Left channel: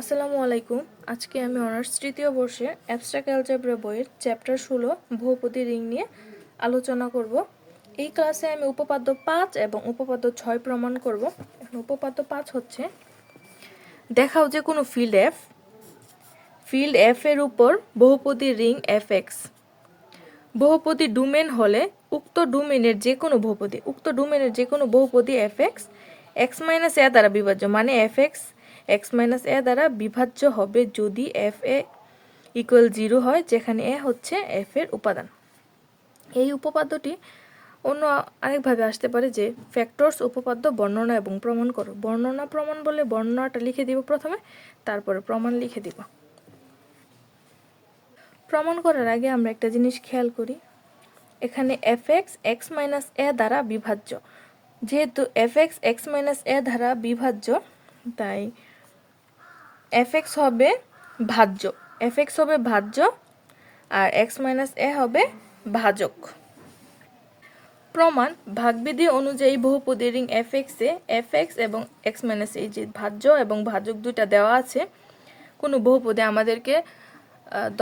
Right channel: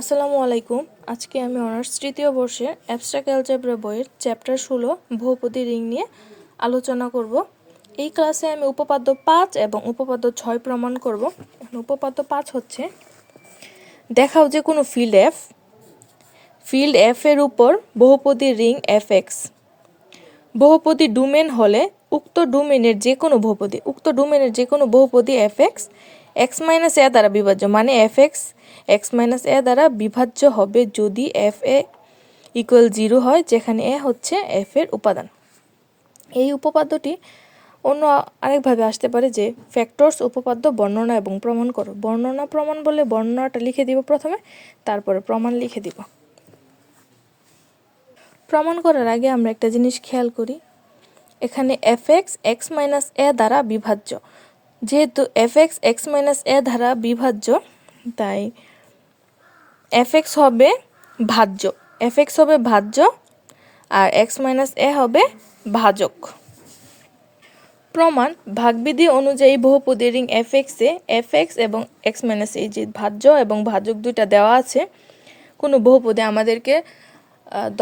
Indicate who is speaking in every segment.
Speaker 1: আসসালামু আলাইকুম। আজকে আমি অনার্স তৃতীয় বর্ষে অ্যাবস্ট্রাক্ট অ্যালজেব্রা বইয়ের চ্যাপ্টার ষোলো বহুপদী রিং নিয়ে আলোচনা করব। এই ক্লাসে আমি উপপাদ্য পাঁচ এবং উপপাদ্য ছয় প্রমাণ করব। উপপাদ্য পাঁচ হচ্ছে, দেখাও যে কোনো ফিল্ড এফ ফিল্ড এফ এর উপর বহুপদী রিং এফ এক্স বহুপদী ডোমেন হলে উক্ত ডোমেনের যে কোনো বহুপদী, উক্ত ডোমেনের যে কোনো বহুপদী F X X minus A দ্বারা বিভাজ্য মানে F X X minus A দ্বারা বিভাজ্য হবে যদি এফ এ ইকুয়াল জিরো হয়, যেখানে এ হচ্ছে এফ এর উপাদান। এই উপপাদ্যটি অন্য আরেকভাবে আসতে পারে যে ফ্যাক্টরস উপপাদ্য, বর্ণনা এবং প্রমাণ করো। বর্ণনা, প্রমাণ বলে বর্ণনাটা লিখে দিব প্রথমে, তারপরে প্রমাণ লিখে দিব। প্রমাণ করার আগে আমরা একটা জিনিস খেয়াল করি। এখানে F X X minus A দ্বারা বিভাজ্য। যেহেতু F X X minus A দ্বারা বিভাজ্য, তাই এক্স হবে ভাজ্য এক্স হবে ভাজ্য আর এক্স মাইনাস এ হবে ভাজক। প্রমাণ, ভাগবিধি অনুযায়ী বহুপদী রিং এফ এক্সে এফ এক্স এবং এক্স মাইনাস এই যে ভাজ্য এবং ভাজক দুইটা দেওয়া আছে, কোনো বহুপদে আমাদেরকে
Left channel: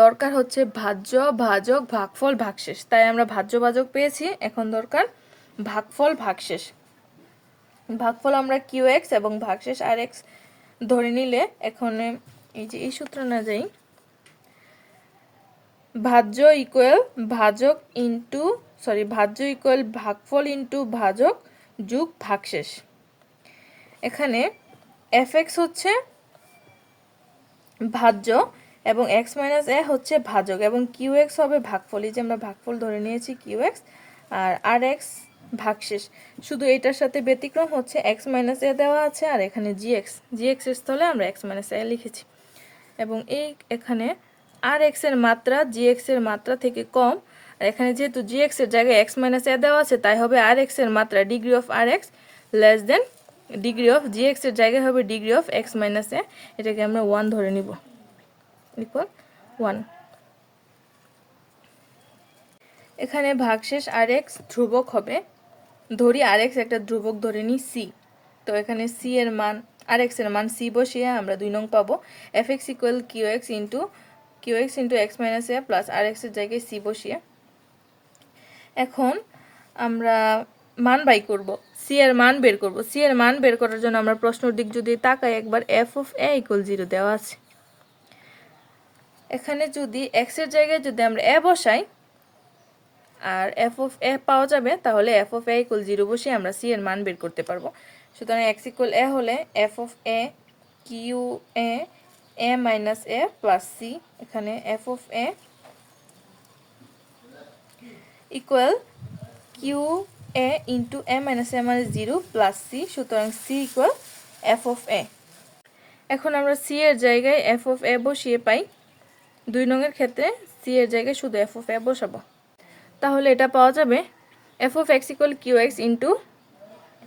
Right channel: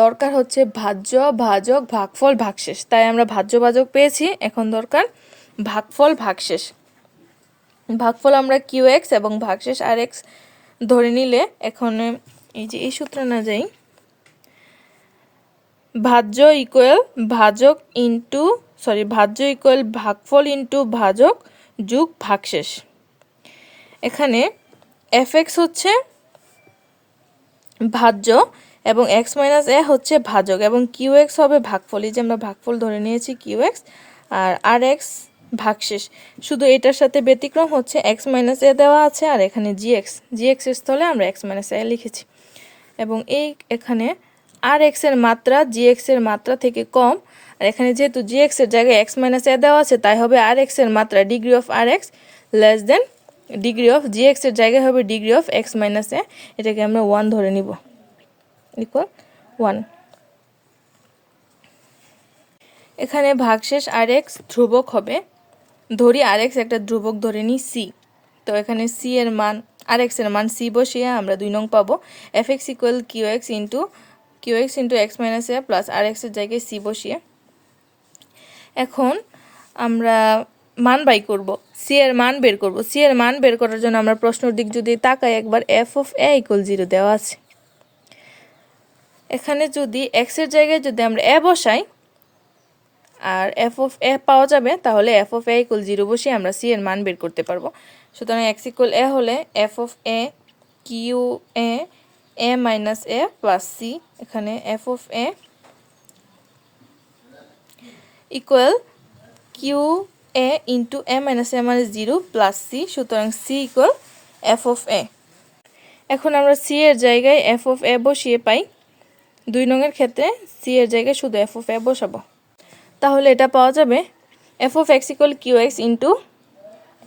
Speaker 1: দরকার হচ্ছে ভাজ্য, ভাজক, ভাগফল, ভাগশেষ। তাই আমরা ভাজ্য, ভাজক পেয়েছি, এখন দরকার ভাগফল, ভাগশেষ। ভাগফল আমরা কিউ এক্স এবং ভাগশেষ আর এক্স ধরে নিলে এখন এই যে এই সূত্র না যাই, ভাজ্য ইকুয়াল ভাজক ইন্টু সরি ভাজ্য ইকুয়াল ভাগফল ইন্টু ভাজক যুগ ভাগশেষ। এখানে এফ এক্স হচ্ছে ভাজ্য এবং এক্স মাইনাস এ হচ্ছে ভাজক এবং কিউ এক্স হবে ভাগফল। এই যে আমরা ভাগফল ধরে নিয়েছি কিউ এক্স আর আর এক্স ভাগশেষ। শুধু এটার সাথে ব্যতিক্রম হচ্ছে এক্স মাইনাস এ দেওয়া আছে আর এখানে জি এক্স জি এক্স স্থলে আমরা এক্স মাইনাস এ লিখেছি। এবং এই এখানে আর এক্সের মাত্রা জি এক্সের মাত্রা থেকে কম। আর এখানে যেহেতু জি এক্সের জায়গায় এক্স মাইনাস এ দেওয়া আছে, তাই হবে আর এক্সের মাত্রা degree of R X less than degree of G এক্সের জায়গায় হবে degree of X minus A এটাকে আমরা ওয়ান ধরে নিব। ইকুয়াল ওয়ান এখানে ভাগশেষ আর এক্স ধ্রুবক হবে। ধরি আর এক্স একটা ধ্রুবক ধরে নিই সি তো এখানে সি এর মান আর এক্সের মান সি বসিয়ে আমরা দুই নং পাবো। F X equal Q X into Q X into X minus A plus R এক্সের জায়গায় সি বসিয়ে। এখন আমরা মান বাই করব। সি এর মান বের করব। সি এর মান বের করার জন্য আমরা প্রশ্নের দিক যদি তাকাই, একবার F of A equal zero দেওয়া আছে। এখানে যদি এক্সের জায়গায় যদি আমরা এ বসাই আর এফ অফ এ পাওয়া যাবে, তাহলে F of A equal zero বসিয়ে আমরা সি এর মান বের করতে পারব। সুতরাং এক্স ইকুয়াল এ হলে F of A Q A A minus A plus C এখানে F of A equal Q A into A minus A মানে জিরো প্লাস সি সুতরাং C equal F of A এখন আমরা C এর জায়গায় F of এ বসিয়ে পাই। দুই নঙের ক্ষেত্রে সি এর জায়গায় শুধু এফ অফ এ বসাবো। তাহলে এটা পাওয়া যাবে F of X equal Q X into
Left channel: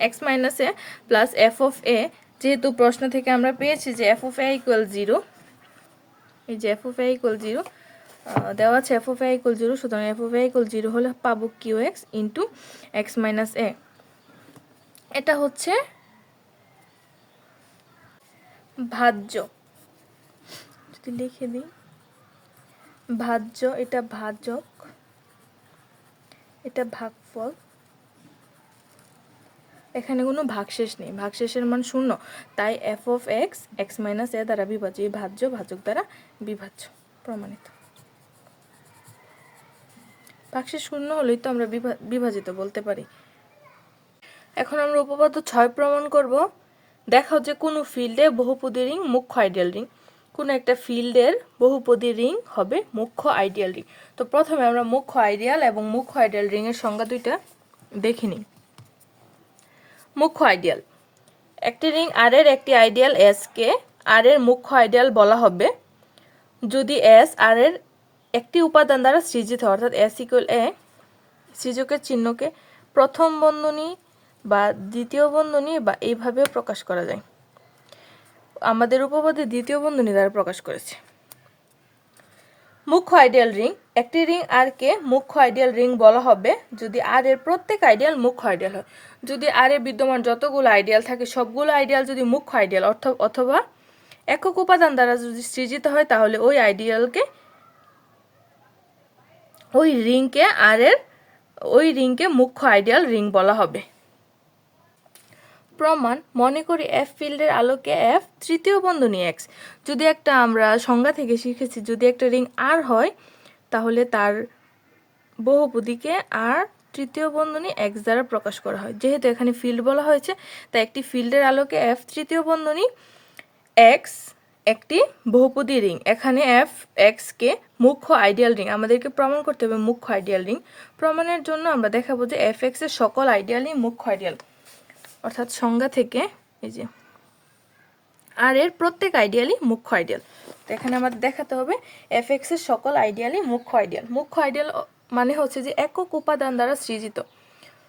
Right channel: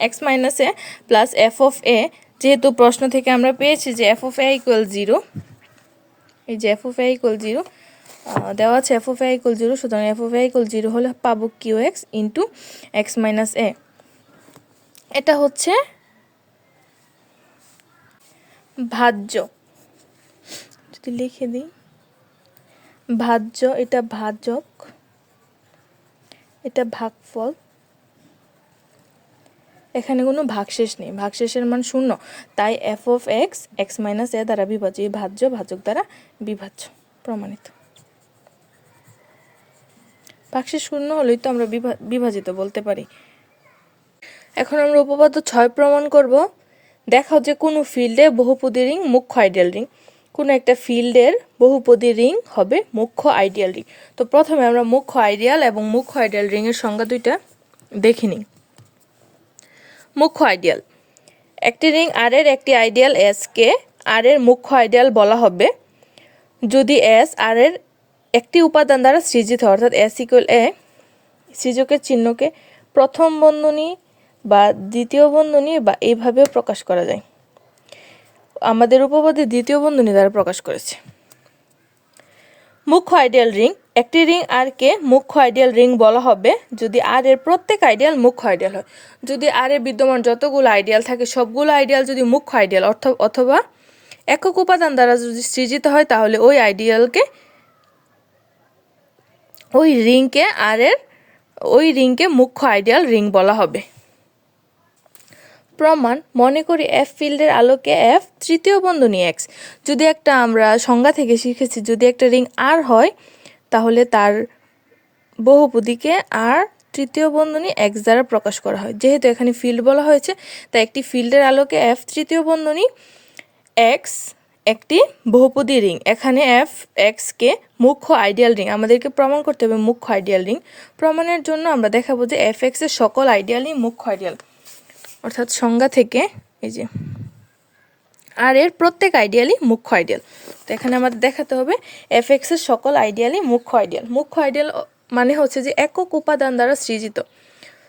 Speaker 1: X minus A plus F of A যেহেতু প্রশ্ন থেকে আমরা পেয়েছি যে F of A equal zero এই যে F of A equal zero দেওয়া আছে F of A equal zero সুতরাং F of A equal zero হলে পাবো Q X into X minus A এটা হচ্ছে ভাজ্য। যদি লিখে দিই, ভাজ্য, এটা ভাজক এটা ভাগফল। এখানে কোনো ভাগশেষ নেই। ভাগশেষের মান শূন্য। তাই F of X X minus A দ্বারা বিভাজ্য। এই ভাজ্য ভাজক দ্বারা বিভাজ্য, প্রমাণিত। ভাগশেষ শূন্য হলেই তো আমরা বিভা- বিভাজিত বলতে পারি। এখন আমরা উপপাদ্য ছয় প্রমাণ করব। দেখাও যে কোনো ফিল্ডে বহুপদী রিং, মুখ্য আইডিয়াল রিং। কোনো একটা ফিল্ডের বহুপদী রিং হবে মুখ্য আইডিয়াল রিং। তো প্রথমে আমরা মুখ্য আইডিয়াল এবং মুখ্য আইডিয়াল রিংয়ের সংজ্ঞা দুইটা দেখে নিই। মুখ্য আইডিয়াল। একটি রিং আর এর একটি আইডিয়াল এস কে আর এর মুখ্য আইডিয়াল বলা হবে। যদি এস আর এর একটি উপাদান দ্বারা সৃজিত হয়, অর্থাৎ এস ইকুয়াল এ সৃজকের চিহ্নকে প্রথম বন্ধনী বা দ্বিতীয় বন্ধনী বা এইভাবেও প্রকাশ করা যায়। আমাদের উপপাদ্যে দ্বিতীয় বন্ধনী দ্বারা প্রকাশ করেছে। মুখ্য আইডিয়াল রিং। একটি রিং আর কে মুখ্য আইডিয়াল রিং বলা হবে। যদি আর এর প্রত্যেক আইডিয়াল মুখ্য আইডিয়াল হয়। যদি আর এর বিদ্যমান যতগুলো আইডিয়াল থাকে, সবগুলো আইডিয়াল যদি মুখ্য আইডিয়াল, অর্থ, অথবা একক উপাদান দ্বারা যদি সৃজিত হয়, তাহলে ওই আইডিয়ালকে, ওই রিংকে আর এর, ওই রিংকে মুখ্য আইডিয়াল রিং বলা হবে। প্রমাণ মনে করি এফ ফিল্ডের আলোকে এফ তৃতীয় বন্ধনী এক্স যদি একটা আমরা সংজ্ঞা থেকে শিখেছি, যদি একটা রিং আর হয়, তাহলে তার বহুপদীকে আর তৃতীয় বন্ধনী এক্স দ্বারা প্রকাশ করা হয়। যেহেতু এখানে ফিল্ড বলা হয়েছে, তাই একটি ফিল্ডের আলোকে এফ তৃতীয় বন্ধনী এক্স একটি বহুপদী রিং। এখানে এফ এক্সকে মুখ্য আইডিয়াল রিং। আমাদেরকে প্রমাণ করতে হবে মুখ্য আইডিয়াল রিং। প্রমাণের জন্য আমরা দেখাবো যে এফ এক্সের সকল আইডিয়ালই মুখ্য আইডিয়াল। অর্থাৎ সংজ্ঞা থেকে, এই যে আর এর প্রত্যেক আইডিয়ালই মুখ্য আইডিয়াল তো এখানে আমাদের দেখাতে হবে এফ এক্সের সকল আইডিয়ালই মুখ্য আইডিয়াল মুখ্য আইডিয়াল মানে হচ্ছে যে একক উপাদান দ্বারা সৃজিত।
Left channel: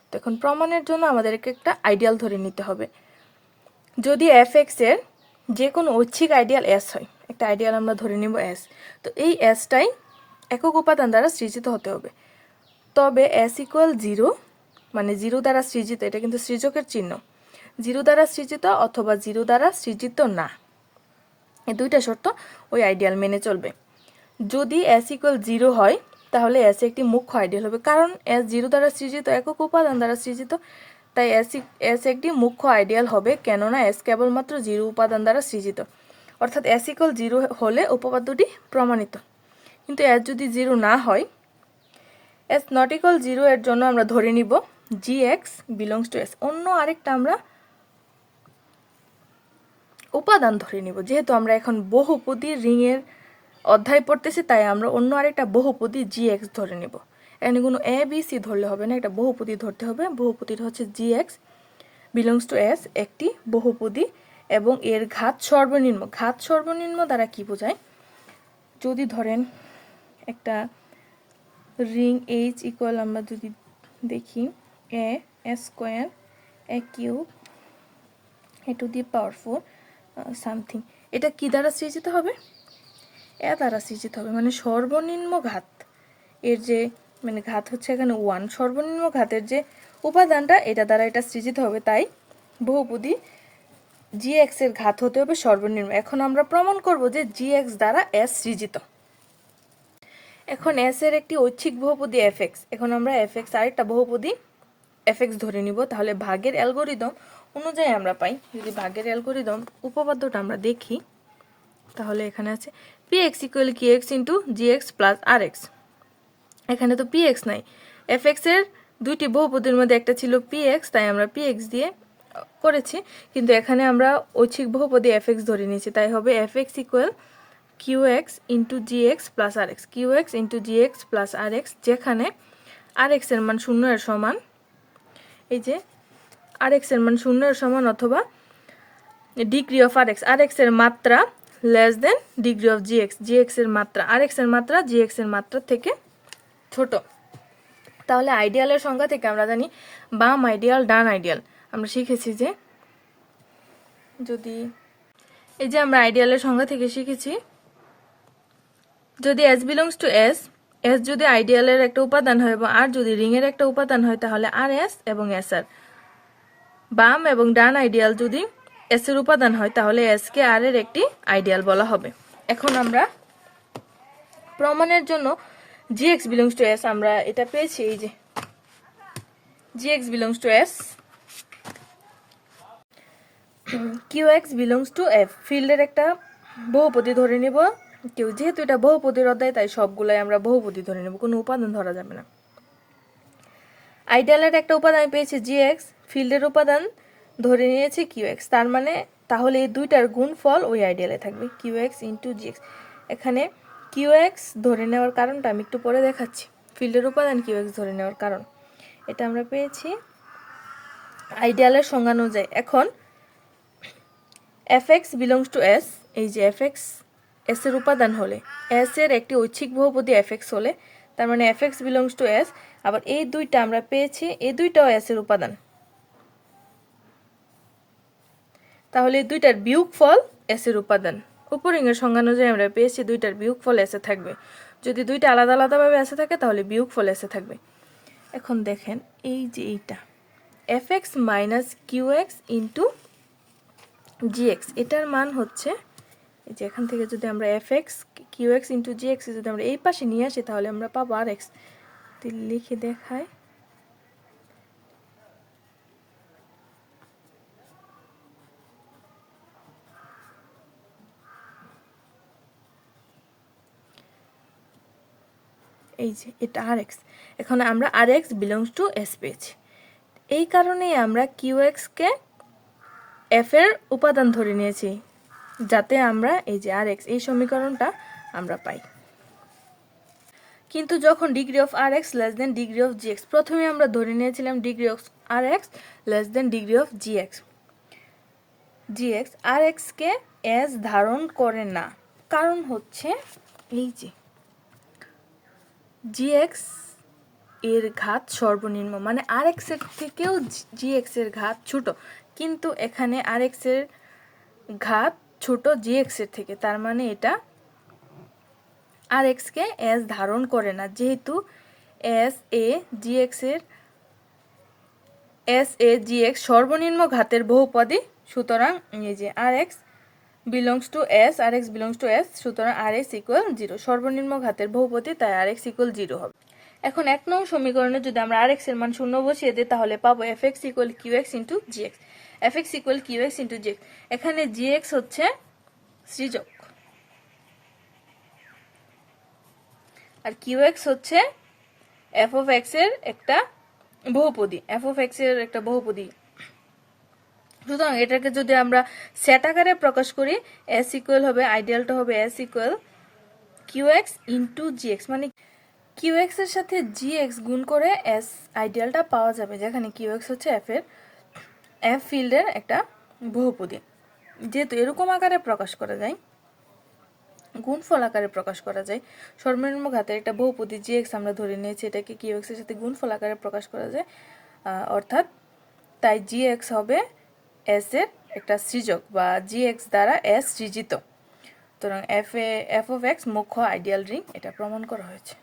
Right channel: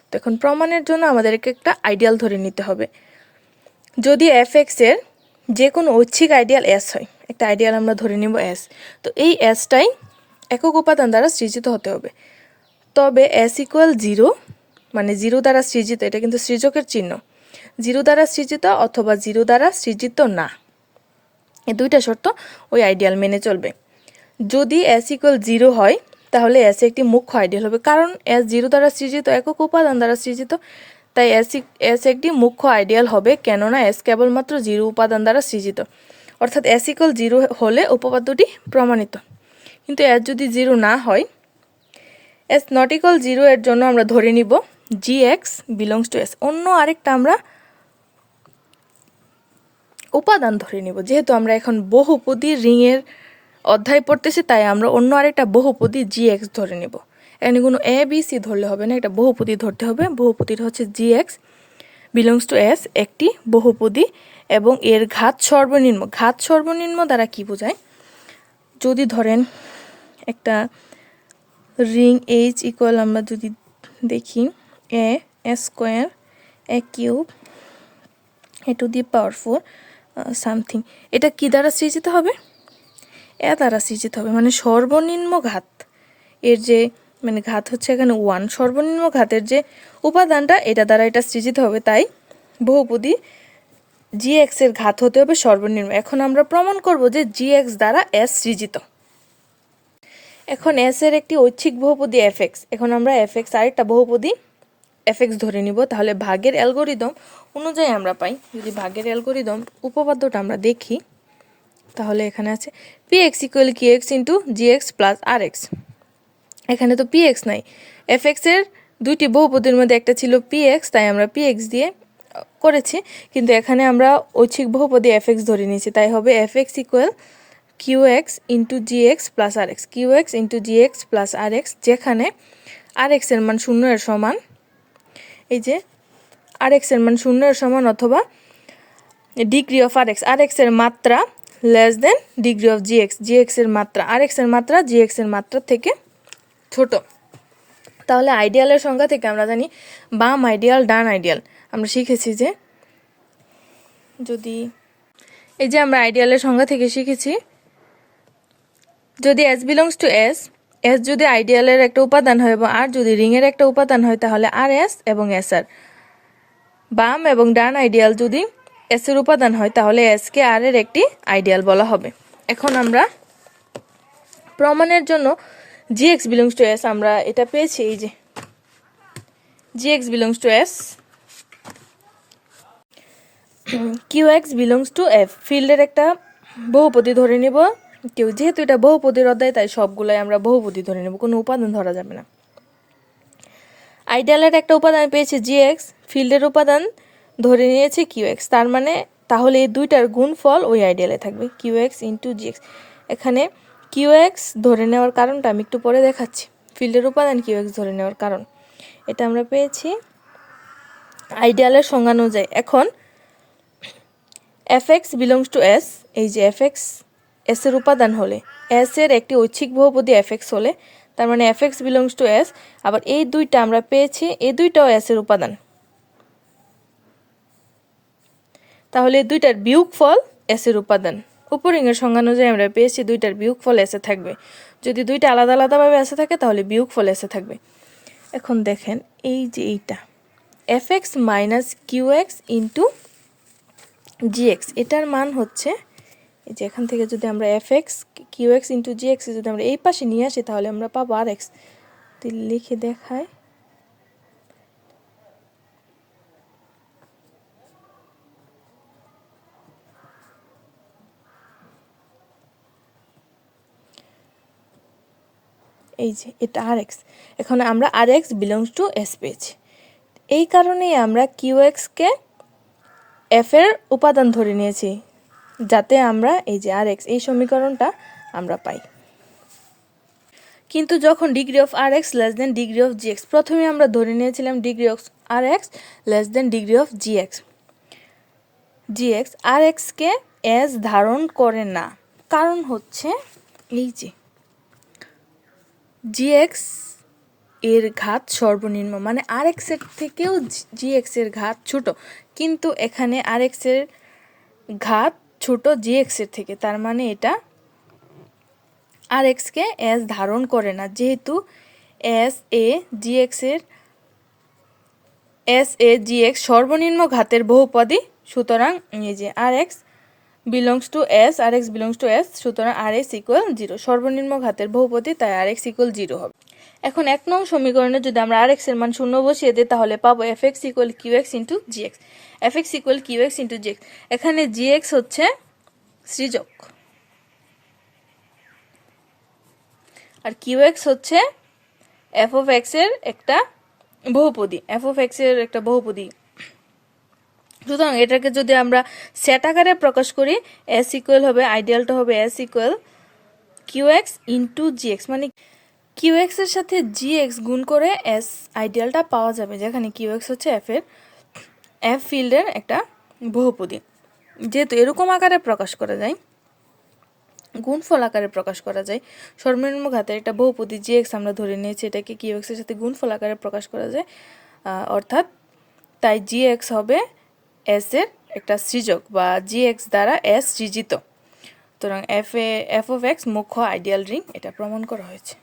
Speaker 1: তো এখন প্রমাণের জন্য আমাদেরকে একটা আইডিয়াল ধরে নিতে হবে। যদি এফ এক্সের যে কোনো ঐচ্ছিক আইডিয়াল এস হয়, একটা আইডিয়াল আমরা ধরে নিব এস তো এই এসটাই একক উপাদান দ্বারা সৃজিত হতে হবে। তবে এস ইকুয়াল জিরো মানে জিরো দ্বারা সৃজিত, এটা কিন্তু সৃজকের চিহ্ন। জিরো দ্বারা সৃজিত অথবা জিরো দ্বারা সৃজিত না। এই দুইটা শর্ত ওই আইডিয়াল মেনে চলবে। যদি এস ইকুয়াল জিরো হয়, তাহলে এস একটি মুখ্য আইডিয়াল হবে। কারণ এস জিরো দ্বারা সৃজিত, একক উপাদান দ্বারা সৃজিত, তাই এস এস একটি মুখ্য আইডিয়াল হবে, কেননা এস কেবলমাত্র জিরো উপাদান দ্বারা সৃজিত। অর্থাৎ এস ইকুয়াল জিরো হলে উপপাদ্যটি প্রমাণিত। কিন্তু এস যদি জিরো না হয় এস নট ইকুয়াল জিরো এর জন্য আমরা ধরে নিব G X belongs to S অন্য আরেকটা আমরা উপাদান ধরে নিব। যেহেতু আমরা এখন বহুপদী রিংয়ের অধ্যায় পড়তেছি, তাই আমরা অন্য আরেকটা বহুপদী জি এক্স ধরে নেব। এখানে কোনো এ বি সি ধরলে হবে না, একটা বহুপদী ধরতে হবে। বহুপদীর হচ্ছে G X belongs to S একটি বহুপদী, এবং এর ঘাত সর্বনিম্ন। ঘাত সর্বনিম্ন দ্বারা কি বোঝায়? যদি ধরেন একটা রিং এইচ ইকুয়াল আমরা যদি দেখি A square, A cube, A to the power four something. এটা কি দ্বারা সৃজিত হবে? এ দ্বারা সৃজিত হবে। মানে সর্বনিম্ন ঘাত। এর যে মানে ঘাত হচ্ছে এখানে ওয়ান সর্বনিম্ন ঘাতের যে উপাদানটা, এটা দ্বারা এটা সৃজিত হবে। তাই বহুপদী জি এক্সের ঘাত হতে হবে সর্বনিম্ন। এখন আমরা প্রমাণ করব যে জি এক্স দ্বারা এস সৃজিত। এখন এস এর একটি ঐচ্ছিক বহুপদী এফ এখন আমরা এফ এক্স আরেকটা বহুপদী এফ এক্স ধরে নিব, তাহলে ভাগের অ্যালগোরিদম অনুযায়ী আমরা পাই। যদি ভাগের অ্যালগোরিদম উপপাদ্যটা আমরা দেখি, তাহলে এখানে আছে P X equal Q X into G X plus R X এখানে তো পি এক্স নাই। এফ এক্সের দুইটি বহুপদীর মধ্যে একটা ছিল পি এক্স তাই আমরা পি এক্স দিয়ে করেছি। কিন্তু এখানে আমরা ঐচ্ছিক বহুপদী এফ এক্স ধরে নিয়েছি, তাই হবে F X equal Q X into G X plus R X Q X into G X plus R X যেখানে আর এক্সের মান শূন্য এর সমান। এই যে আর এক্সের মান শূন্য এর সমান অথবা degree of R X R এক্সের মাত্রা less than degree of G X G এক্সের মাত্রা আর এক্সের মাত্রা জি এক্সের মাত্রা থেকে ছোট। তাহলে আইডিয়ালের সংখ্যা থেকে আমরা জানি বাম আইডিয়াল ডান আইডিয়াল আমরা শিখেছি যে যদি এই যে আমরা আইডিয়ালের সংখ্যা থেকে শিখেছি, যদি S belongs to S S যদি আইডিয়ালের একটা উপাদান হয় এবং আর যদি রিংয়ের একটা উপাদান হয়, তাহলে আর এস এবং এস আর বাম এবং ডান আইডিয়াল যদি এস এর উপাদান হয়, তাহলে এস কে আর এর একটি আইডিয়াল বলা হবে। এখন আমরা প্রমাণের জন্য G X belongs to S আমরা এটা পেয়েছি, এই যে। G X belongs to S Q X belongs to F ফিল্ডের একটা বহুপদী ধরে নিব। কেউ যেহেতু এটা বহুপদীর অধ্যায়, তাই সবগুলাই আমরা বহুপদী ধরে নেব, কোনো উপাদান ধরা যাবে না। আইডিয়ালের একটা উপাদান পেয়েছে জি এক্স ফিল্ডের উপাদান ধরে নিয়েছে কিউ এক্স তার মানে তাহলে এই দুইটার গুণফল ওই আইডিয়ালে থাকবে Q X into G X এখানে কিউ এক্স ধরে নেওয়ার কারণটা আমি একটু পরে দেখাচ্ছি ফিল্ডের উপাদান কিউ এক্স ধরে নেওয়ার কারণ। এটা আমরা পেয়েছি আইডিয়ালের সংজ্ঞা অনুযায়ী। এখন F X belongs to S এই যে এফ এক্স এস এর উপাদান হলে এস এর একটি ঐচ্ছিক বহুপদী এফ এক্স হলে, তার মানে F X belongs to S আবার এই দুইটা আমরা পেয়েছি, এই দুইটাও এস এর উপাদান। তাহলে দুইটার বিয়োগ ফল এস এর উপাদান। উপরিংয়ের সংজ্ঞা অনুযায়ী আমরা পেয়েছি দুইটার বিয়োগ ফল এসে থাকবে। যদি দুইটা আলাদা আলাদাভাবে এসে থাকে, তাহলে বিয়োগ ফল এসে থাকবে। এখন দেখেন, এই যে এইটা। F X minus Q X into G X এটার মান হচ্ছে এই যে এখান থেকে যদি আমরা F X Q X into G X যদি আমরা এই পাশে নিয়ে আসি, তাহলে আমরা পাবো আর এক্স তো লিখে দেখায়। এই যে এটা আর এক্স এখানে আমরা R X belongs to S পেয়েছি। এই কারণেই আমরা কিউ এক্সকে এফ এর উপাদান ধরে নিয়েছি। যাতে আমরা এই যে আর এক্স এই সমীকরণটা আমরা পাই। কিন্তু যখন degree of R X less than degree of G X প্রথমে আমরা ধরে নিয়েছিলাম degree of R X less than degree of G X G X R এক্সকে এস ধারণ করে না। কারণ হচ্ছে এই যে জি এক্সের ঘাত সর্বনিম্ন মানে আর এক্সের থেকেও জি এক্সের ঘাত ছোট। কিন্তু এখানে আর এক্সের ঘাত ছোট জি এক্সের থেকে, তার মানে এটা আর এক্সকে এস ধারণ করে না। যেহেতু এস এ জি এক্সের এস এ জি এক্স সর্বনিম্ন ঘাতের বহুপদী, সুতরাং এই যে R X belongs to S R X belongs to S সুতরাং আর এক্স ইকুয়াল জিরো সর্বনিম্ন ঘাতের বহুপদী, তাই আর এক্স ইকুয়াল জিরো হবে। এখন এক নং সমীকরণে যদি আমরা আর এক্সের মান শূন্য বসিয়ে দিই, তাহলে পাবো F X equal Q X into G X F X equal Q X into G X এখানে জি এক্স হচ্ছে সৃজক। আর কিউ এক্স হচ্ছে এফ অফ এক্সের একটা বহুপদী এফ অফ এক্সের একটা বহুপদী। সুতরাং এটাকে যদি আমরা সেট আকারে প্রকাশ করি এস ইকুয়াল হবে আইডিয়ালটা হবে S equal Q X into G X মানে কিউ এক্সের সাথে জি এক্স গুণ করে এস আইডিয়ালটা পাওয়া যাবে, যেখানে কিউ এক্স হচ্ছে এফ এর এফ ফিল্ডের একটা বহুপদী। যেহেতু এরকম আকারে প্রকাশ করা যায়, গুণফল আকারে প্রকাশ করা যায়, সর্বনিম্ন ঘাতের একটা বহুপদী জি এক্স আমরা ধরে নিয়েছি, এটাকে কিউ এক্সের সাথে গুণফল আকারে প্রকাশ করা যায় অর্থাৎ তাই জি এক্স হবে এস এর একটা সৃজক বা জি এক্স দ্বারা এস সৃজিত। সুতরাং এফ এ এফ অফ এক্স মুখ্য আইডিয়াল রিং এটা প্রমাণ করা হয়েছে।